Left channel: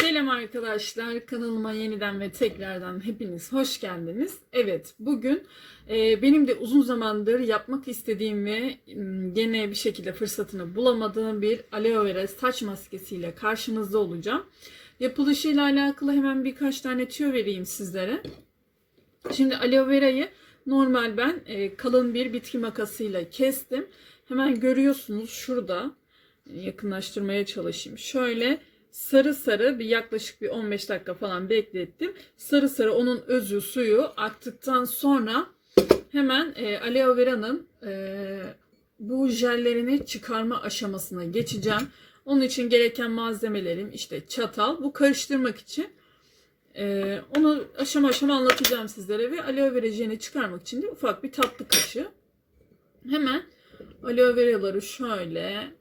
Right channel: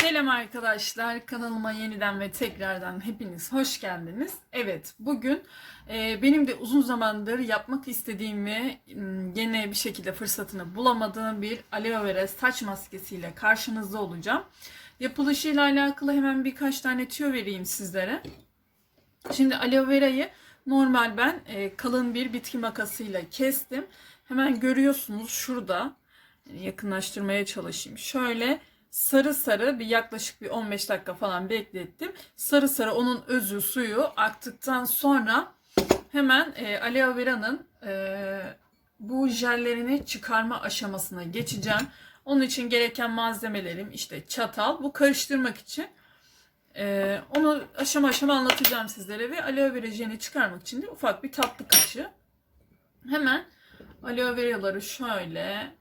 Selam arkadaşlar kanalıma yeniden ve tekrardan hepiniz hoş geldiniz. Evet bugün e, benim de uzun zamandır yapmak istediğim ve gene bir şekilde fırsatını bulamadığım bir aloe vera saç maskesiyle karşınızda olacağım. Yapılışıyla alakalı hemen birkaç tane tüyo vereyim sizlere. Şimdi aloe verayı normal ben e, kalın bir bitki makasıyla kestim. Hemen görüyorsunuz şurada yakınlaştırmaya çalışayım. Şöyle sarı sarı bir yaklaşık bir 15 dakika falan beklettim. Sarı sarı onun özü suyu aktıktan sonra hemen e, aloe vera'nın e, bu jellerini çıkarma aşamasına geçeceğim. Onun için gereken malzemelerim işte çatal bu karıştırmak için. E, onu aşama aşama anlatacağım sizlere ve aloe vera jelini çıkarmak için de ufak bir tatlı kaşığı. Hemen aloe veraları şöyle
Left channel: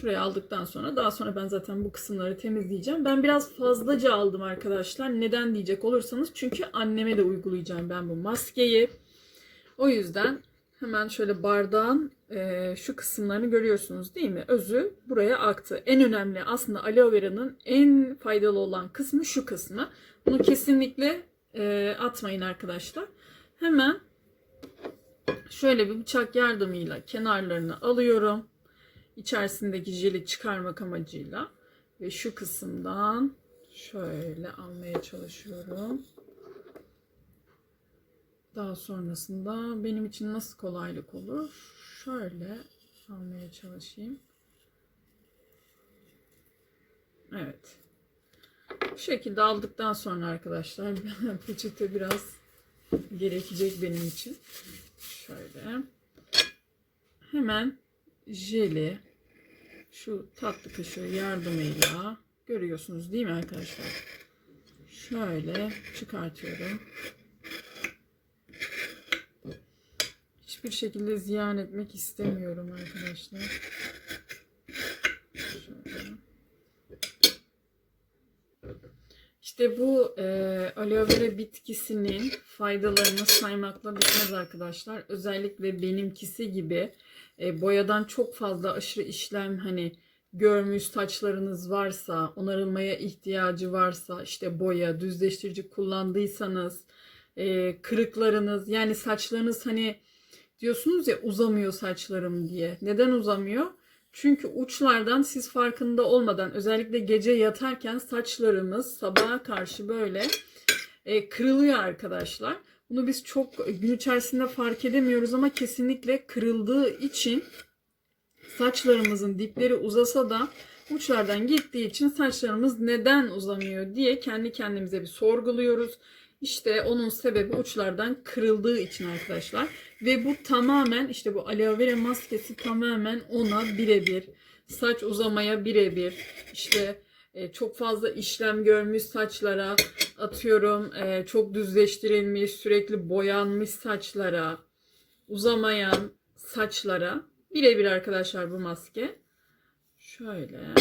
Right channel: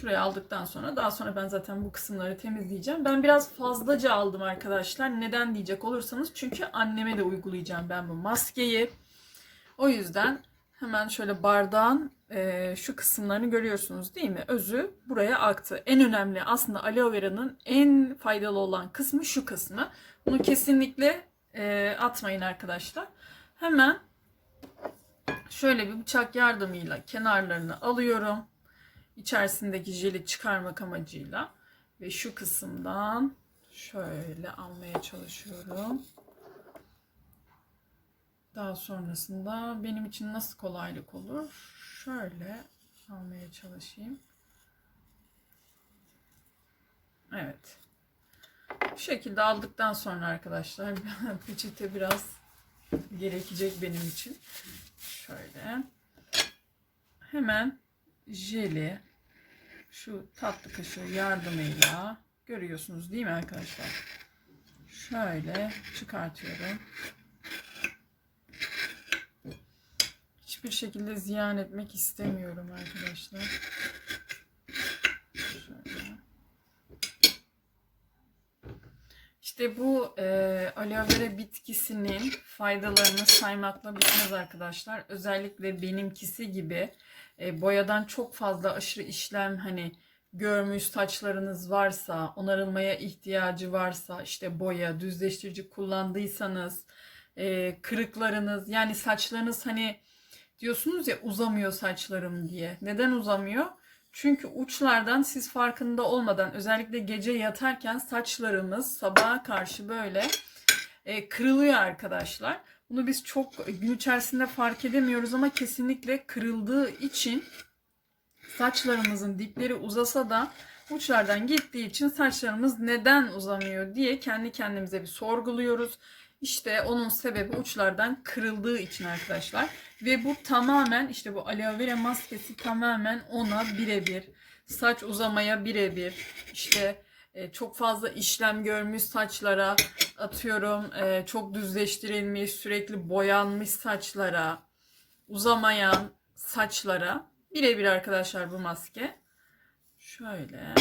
Şuraya aldıktan sonra daha sonra ben zaten bu kısımları temizleyeceğim. Ben biraz fazlaca aldım arkadaşlar. Neden diyecek olursanız çünkü anneme de uygulayacağım ben bu maskeyi. O yüzden hemen şöyle bardağın e, şu kısımlarını görüyorsunuz değil mi? Özü buraya aktı. En önemli aslında aloe vera'nın en faydalı olan kısmı şu kısmı. Bunu kesinlikle e, atmayın arkadaşlar. Hemen şöyle bir bıçak yardımıyla kenarlarını alıyorum içerisindeki jeli çıkarmak amacıyla ve şu kısımdan şöyle almaya çalışıyorum. Daha sonrasında benim için nasıl kolaylık olur? Şöyle almaya çalışayım. Evet. Bu şekilde aldıktan sonra arkadaşlar peçete biraz gerekecek benim için. Şöyle. Hemen jeli şu tatlı kaşığı yardımıyla görüyorsunuz değil mi arkadaşlar? Şöyle çıkartıyorum. Hiçbir şekilde ziyan etmek istemiyorum arkadaşlar. İşte bu e, aloe vera bitkisinin faydalarını saymakla bitmez arkadaşlar. Özellikle benimkisi gibi e, boyadan çok fazla aşırı işlem hani görmüş saçlarınız varsa, onarılmaya ihtiyacı varsa, işte boya, düzleştirici kullandıysanız, e, kırıklarınız yani saçlarınız hani diyorsunuz ya uzamıyor saçlarım diye. Neden uzamıyor? Çünkü uçlardan siz farkında olmadan özellikle gece yatarken saçlarımız sabaha karşı böyle e, kırılıyor arkadaşlar. Bunu biz çok gün içerisinde fark edemiyoruz ama kesinlikle kırıldığı için saçlarımızın dipleri uzasa da uçlardan gittiği için saçlarımız neden uzamıyor diye kendi kendimize bir sorguluyoruz. İşte onun sebebi uçlardan kırıldığı için arkadaşlar. Ve bu tamamen işte bu aloe vera maskesi tamamen ona birebir. Saç uzamaya birebir. İşte e, çok fazla işlem görmüş saçlara atıyorum e, çok düzleştirilmiş sürekli boyanmış saçlara uzamayan saçlara birebir arkadaşlar bu maske. Şöyle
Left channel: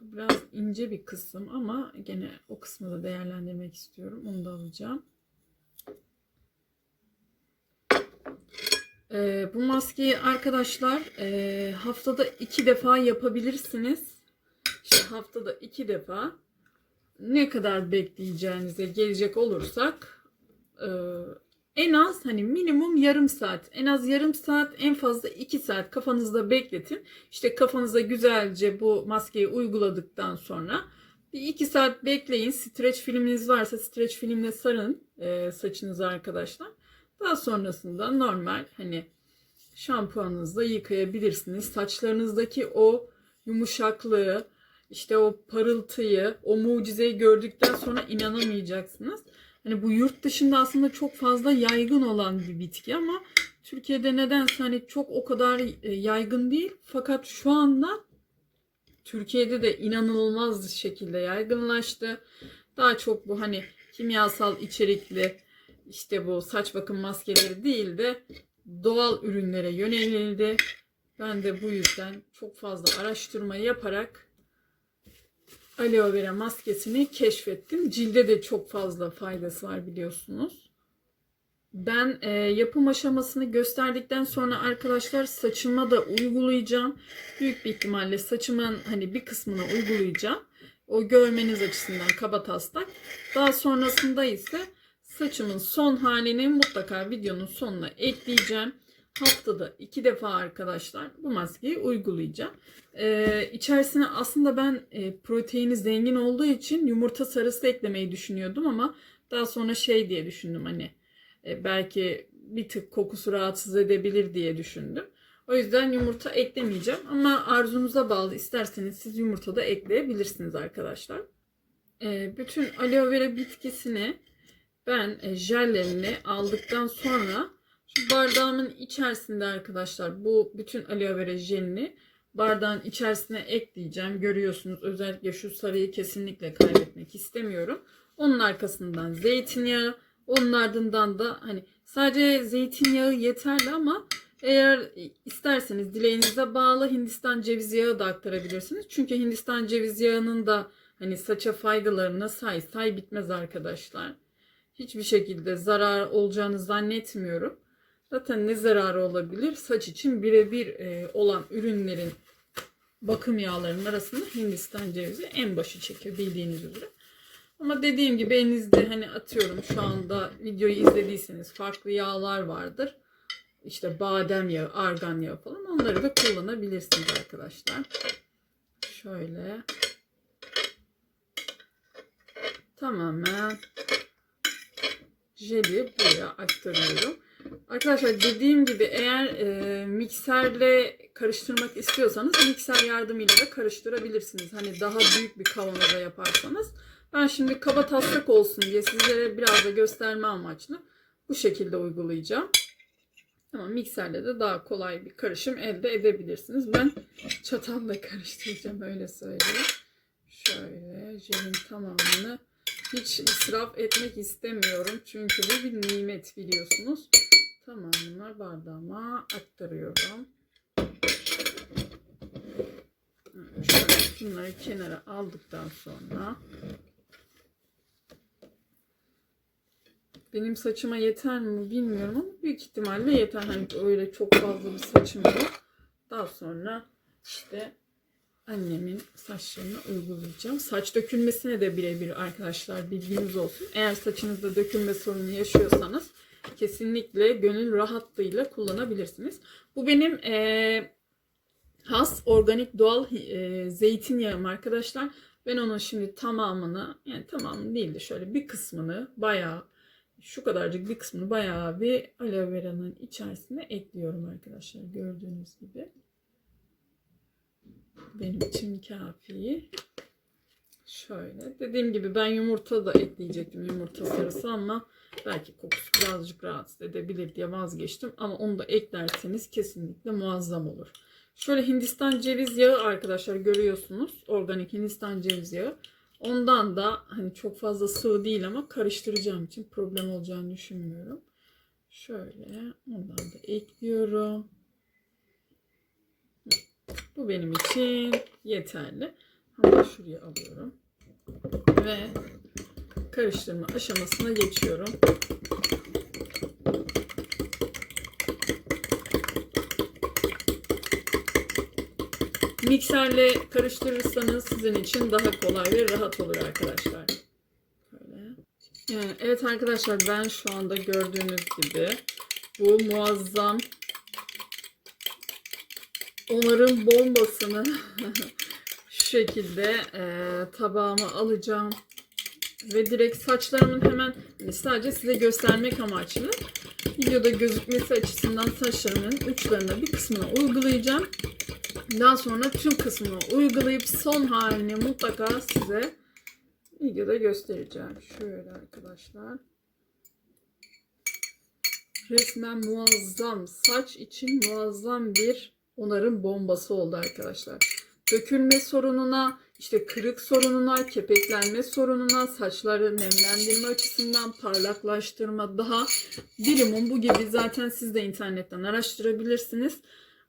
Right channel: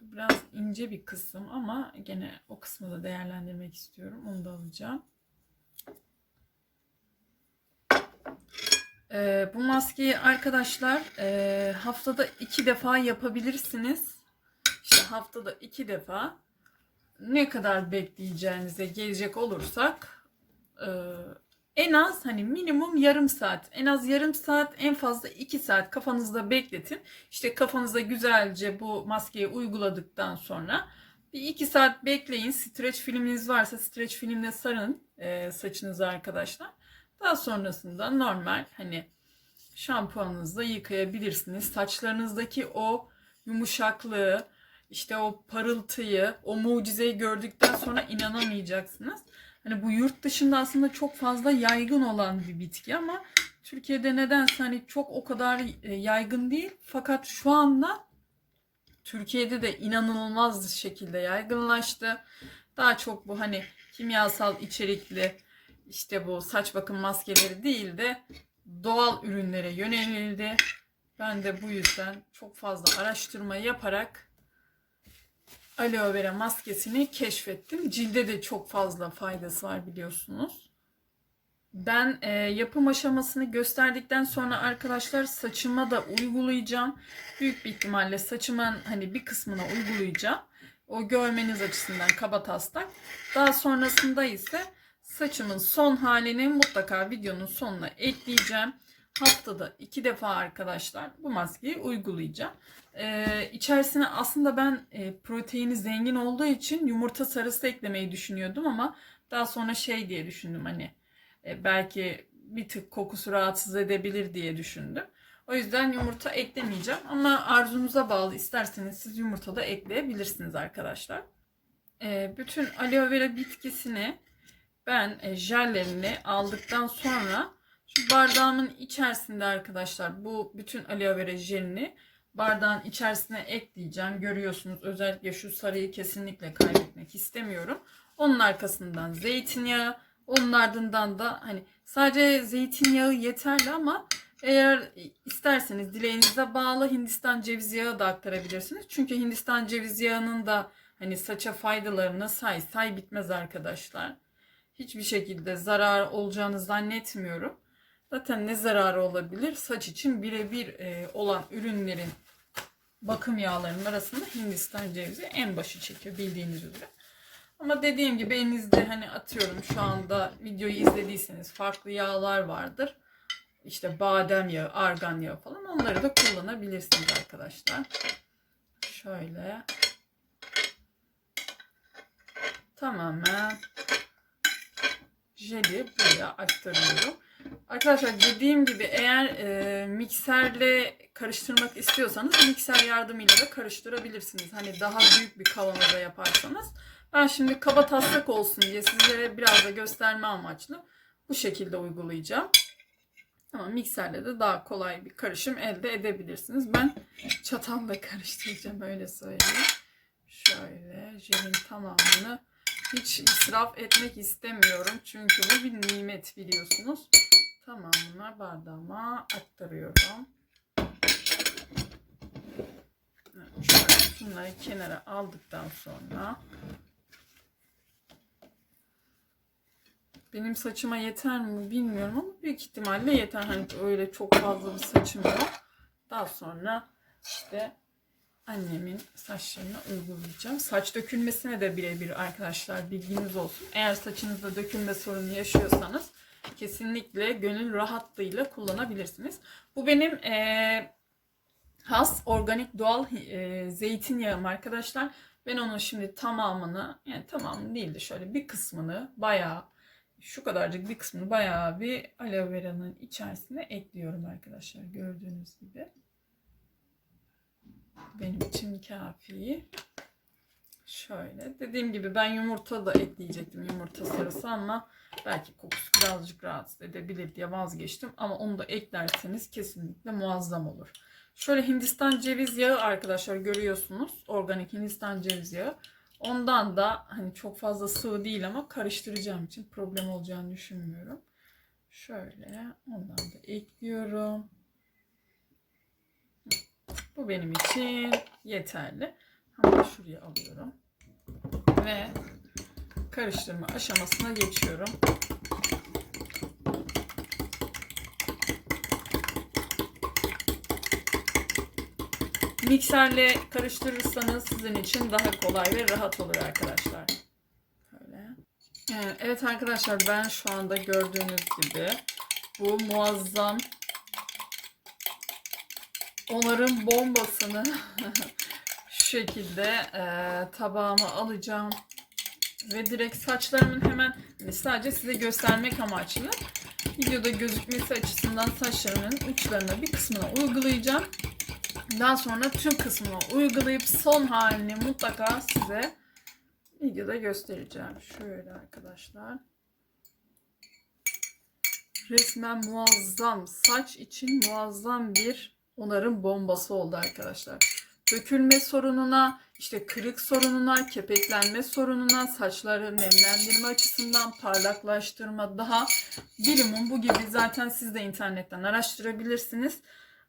biraz ince bir kısım ama gene o kısmı da değerlendirmek istiyorum onu da alacağım. E, bu maskeyi arkadaşlar e, haftada iki defa yapabilirsiniz haftada iki defa ne kadar bekleyeceğinize gelecek olursak e, en az hani minimum yarım saat en az yarım saat en fazla iki saat kafanızda bekletin. İşte kafanıza güzelce bu maskeyi uyguladıktan sonra bir iki saat bekleyin. Streç filminiz varsa streç filmle sarın e, saçınızı arkadaşlar. Daha sonrasında normal hani şampuanınızla yıkayabilirsiniz. Saçlarınızdaki o yumuşaklığı, işte o parıltıyı, o mucizeyi gördükten sonra inanamayacaksınız. Hani bu yurt dışında aslında çok fazla yaygın olan bir bitki ama Türkiye'de nedense hani çok o kadar e, yaygın değil. Fakat şu anda Türkiye'de de inanılmaz şekilde yaygınlaştı. Daha çok bu hani kimyasal içerikli işte bu saç bakım maskeleri değil de doğal ürünlere yönelildi. Ben de bu yüzden çok fazla araştırma yaparak aloe vera maskesini keşfettim. Cilde de çok fazla faydası var biliyorsunuz. Ben e, yapım aşamasını gösterdikten sonra arkadaşlar saçıma da uygulayacağım. Büyük bir ihtimalle saçımın hani bir kısmına uygulayacağım. O görmeniz açısından kaba taslak. Daha sonrasında ise saçımın son halini mutlaka videonun sonuna ekleyeceğim. Haftada iki defa arkadaşlar bu maskeyi uygulayacağım. Ee, içerisine aslında ben e, proteini zengin olduğu için yumurta sarısı eklemeyi düşünüyordum ama daha sonra şey diye düşündüm hani e, belki bir tık kokusu rahatsız edebilir diye düşündüm. O yüzden yumurta eklemeyeceğim ama arzunuza bağlı isterseniz siz yumurta da ekleyebilirsiniz arkadaşlar. Ee, bütün aloe vera bitkisini ben e, jellerini aldıktan sonra bardağımın içerisinde arkadaşlar bu bütün aloe vera jelini bardağın içerisine ekleyeceğim. Görüyorsunuz özellikle şu sarıyı kesinlikle kaybetmek istemiyorum. Onun arkasından zeytinyağı, onun ardından da hani sadece zeytinyağı yeterli ama eğer isterseniz dileğinize bağlı Hindistan cevizi yağı da aktarabilirsiniz. Çünkü Hindistan cevizi yağının da hani saça faydalarını say say bitmez arkadaşlar. Hiçbir şekilde zarar olacağını zannetmiyorum. Zaten ne zararı olabilir? Saç için birebir e, olan ürünlerin bakım yağlarının arasında Hindistan cevizi en başı çekiyor bildiğiniz üzere. Ama dediğim gibi elinizde hani atıyorum şu anda videoyu izlediyseniz farklı yağlar vardır. İşte badem yağı, argan yağı falan onları da kullanabilirsiniz arkadaşlar. Şöyle. Tamamen jeli buraya aktarıyorum. Arkadaşlar dediğim gibi eğer e, mikserle karıştırmak istiyorsanız mikser yardımıyla da karıştırabilirsiniz. Hani daha büyük bir kavanozda yaparsanız. Ben şimdi kaba taslak olsun diye sizlere biraz da gösterme amaçlı bu şekilde uygulayacağım. Ama mikserle de daha kolay bir karışım elde edebilirsiniz. Ben çatalla karıştıracağım öyle söyleyeyim. Şöyle jelin tamamını hiç israf etmek istemiyorum. Çünkü bu bir nimet biliyorsunuz. Tamamını bardağıma aktarıyorum. Evet, şunları kenara aldıktan sonra benim saçıma yeter mi bilmiyorum ama büyük ihtimalle yeter. Hani öyle çok fazla bir saçım yok. Daha sonra işte annemin saçlarını uygulayacağım. Saç dökülmesine de birebir arkadaşlar bilginiz olsun. Eğer saçınızda dökülme sorunu yaşıyorsanız kesinlikle gönül rahatlığıyla kullanabilirsiniz. Bu benim e, has organik doğal e, zeytinyağım arkadaşlar. Ben onun şimdi tamamını yani tamamını değil de şöyle bir kısmını bayağı şu kadarcık bir kısmını bayağı bir aloe vera'nın içerisine ekliyorum arkadaşlar gördüğünüz gibi. Benim için kafi. Şöyle dediğim gibi ben yumurta da ekleyecektim yumurta sarısı ama belki kokusu birazcık rahatsız edebilir diye vazgeçtim. Ama onu da eklerseniz kesinlikle muazzam olur. Şöyle Hindistan ceviz yağı arkadaşlar görüyorsunuz. Organik Hindistan ceviz yağı. Ondan da hani çok fazla sıvı değil ama karıştıracağım için problem olacağını düşünmüyorum. Şöyle ondan da ekliyorum. Bu benim için yeterli. Hemen şuraya alıyorum. Ve karıştırma aşamasına geçiyorum. Mikserle karıştırırsanız sizin için daha kolay ve rahat olur arkadaşlar. Böyle. Ee, Evet arkadaşlar ben şu anda gördüğünüz gibi bu muazzam onarım bombasını şekilde e, tabağıma alacağım ve direkt saçlarımın hemen sadece size göstermek amaçlı videoda gözükmesi açısından saçlarımın uçlarına bir kısmına uygulayacağım. Daha sonra tüm kısmını uygulayıp son halini mutlaka size videoda göstereceğim. Şöyle arkadaşlar. Resmen muazzam. Saç için muazzam bir onarım bombası oldu arkadaşlar. Dökülme sorununa, işte kırık sorununa, kepeklenme sorununa, saçları nemlendirme açısından parlaklaştırma daha bilimin bu gibi zaten siz de internetten araştırabilirsiniz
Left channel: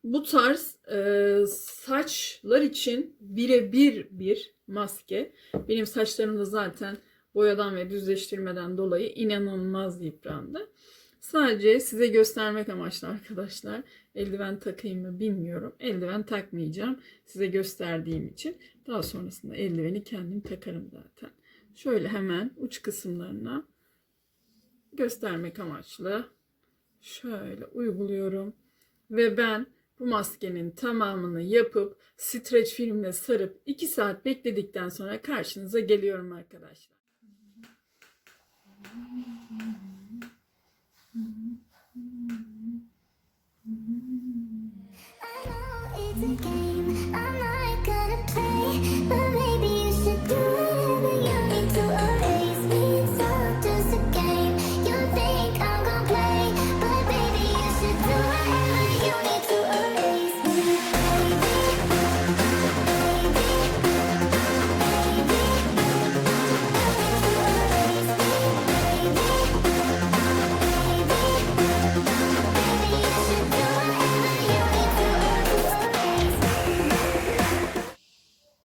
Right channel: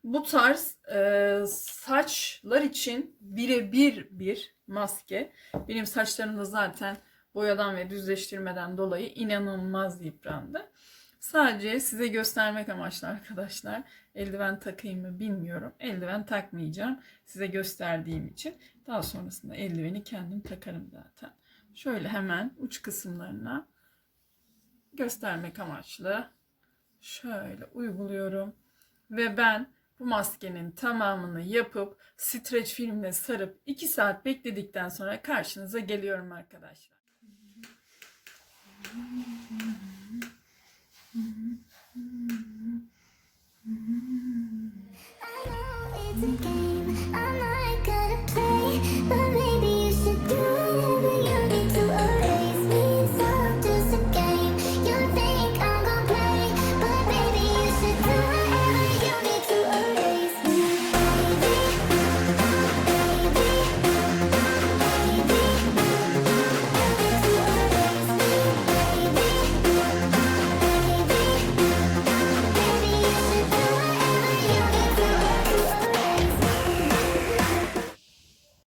bu tarz e, saçlar için birebir bir maske. Benim saçlarım da zaten boyadan ve düzleştirmeden dolayı inanılmaz yıprandı. Sadece size göstermek amaçlı arkadaşlar. Eldiven takayım mı bilmiyorum. Eldiven takmayacağım. Size gösterdiğim için. Daha sonrasında eldiveni kendim takarım zaten. Şöyle hemen uç kısımlarına göstermek amaçlı şöyle uyguluyorum. Ve ben bu maskenin tamamını yapıp streç filmle sarıp 2 saat bekledikten sonra karşınıza geliyorum arkadaşlar.